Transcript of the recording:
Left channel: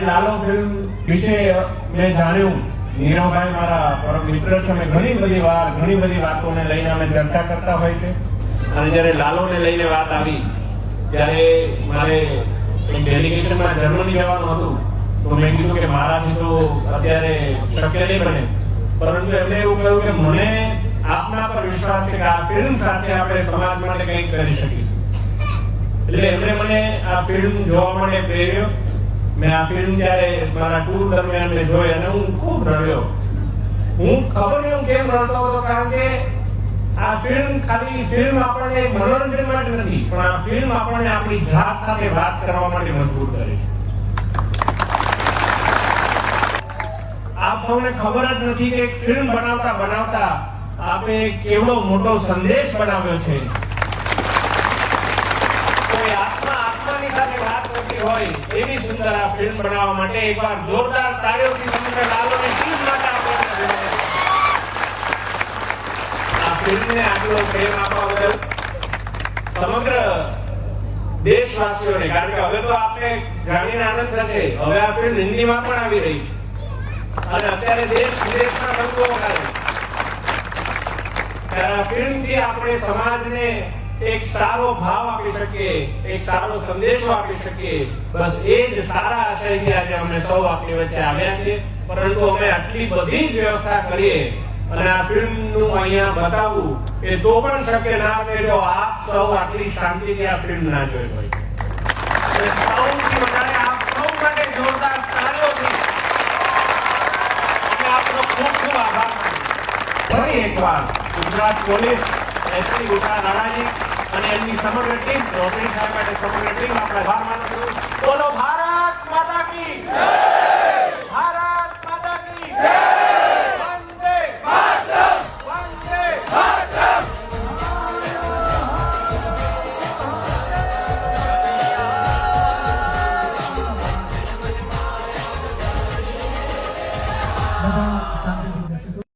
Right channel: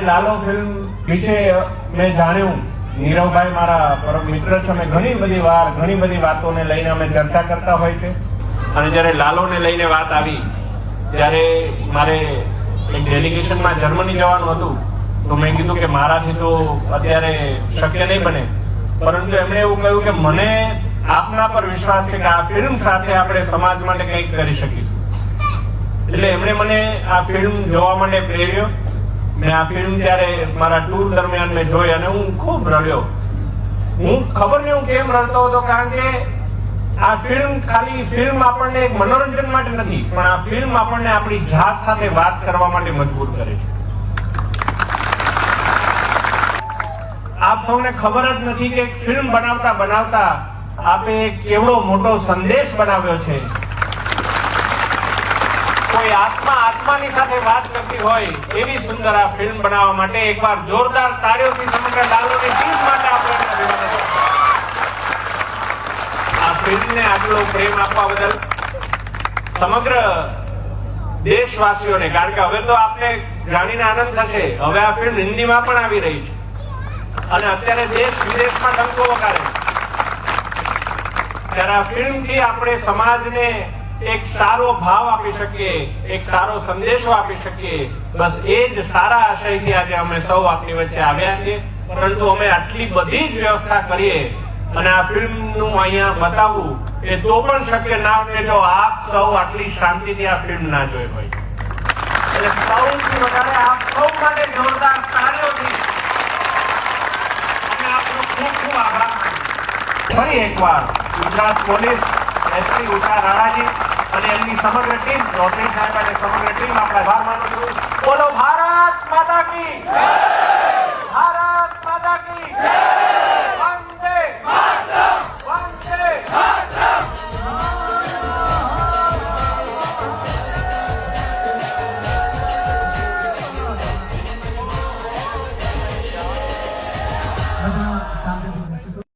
Lalo film વિશે મેં જાણ્યું, નીરવભાઈ મારા પરમ મિત્ર છે, અમે ઘણી બધી વાતોને લઈને અમે ચર્ચા કરતા હોય છે. અને જ્યારે લાલોને લઈને વાત આવી, ત્યારે મારે એક ડેલિગેશનમાં જર્મની જવાનું હતું, તો મેં કીધું કે મારાથી તો અત્યારે શક્ય નહીં બને, પરંતુ એમણે એવું કહ્યું કે મને આપના પર વિશ્વાસ છે કે આ ફિલ્મ સાથે આપણે સમાજ માટે કંઈક કરી શકીશું. એટલે એમણે મને આ ફિલ્મ જોવા માટે પ્રેર્યો. મેં આ ફિલ્મ ત્યારે મારા ટૂર દરમિયાન મેં જોઈ અને હું ખૂબ રડ્યો. હું ખબર નહીં હું કેમ રડતો હતો, કારણ કે આ ફિલ્મ ખાલી ફિલ્મ આપણને એક મનોરંજન માટે નથી, પણ આ ફિલ્મ આપણને આપણી જાત સાથે વાત કરવા માટે મજબૂર કરે છે. આપ સૌને ખબર જ નથી કે એક ફિલ્મ બનાવતા આપે કેવડો મોટો સંદેશ બનાવ્યો છે. કોઈ આત્માની સાથે વાત કરતી હોય એવી સુંદર આ ફિલ્મ બનાવવા માટે એકવાર જોરદાર તાળીઓથી સમગ્ર લાલોની ટીમ માટે આપણે આ ફિલ્મને આટલો પ્રેમ આપવા બદલ સમગ્ર દેશવાસીઓને, કારણ કે હવે તો આપણે જાણીને આનંદ થશે, હવે આ ફિલ્મ હિન્દીમાં પણ આવી રહી છે અને અત્યારે દેશ વિદેશમાં ડંકો વગાડે. ત્યારે આ ફિલ્મથી આપણે સમાજને એક સારો ભાવ આપી શકીએ, એક સારો સંદેશો આપી શકીએ. બસ એ જ સારા આશયથી આજે અમે સૌ આપની વચ્ચે આવ્યા છીએ. પરંતુ અમે આટલી બધી જ વ્યવસ્થા કરીએ અને આ ફિલ્મનું અહીંયા બતાવવું એ તો પણ શક્ય ના બને જો આપ સૌ આટલી શાંતિથી આ ફિલ્મ ના જોઈ હોય. અને સૌથી વધારે આપ સૌ માટે જોરદાર તાળીઓથી અમે આપનો ખૂબ ખૂબ આભાર માનીએ. ફરી એકવાર ગુજરાત પોલીસ, એસપી ઉષા રાણાજી અને એમની સમગ્ર ટીમ, રોટરી સાહેબ અને સમગ્ર ટીમ આપણે આભાર માનું છું. બોલો ભારત માતા કી જય! ભારત માતા કી જય! વંદે માતરમ! વંદે માતરમ! બધા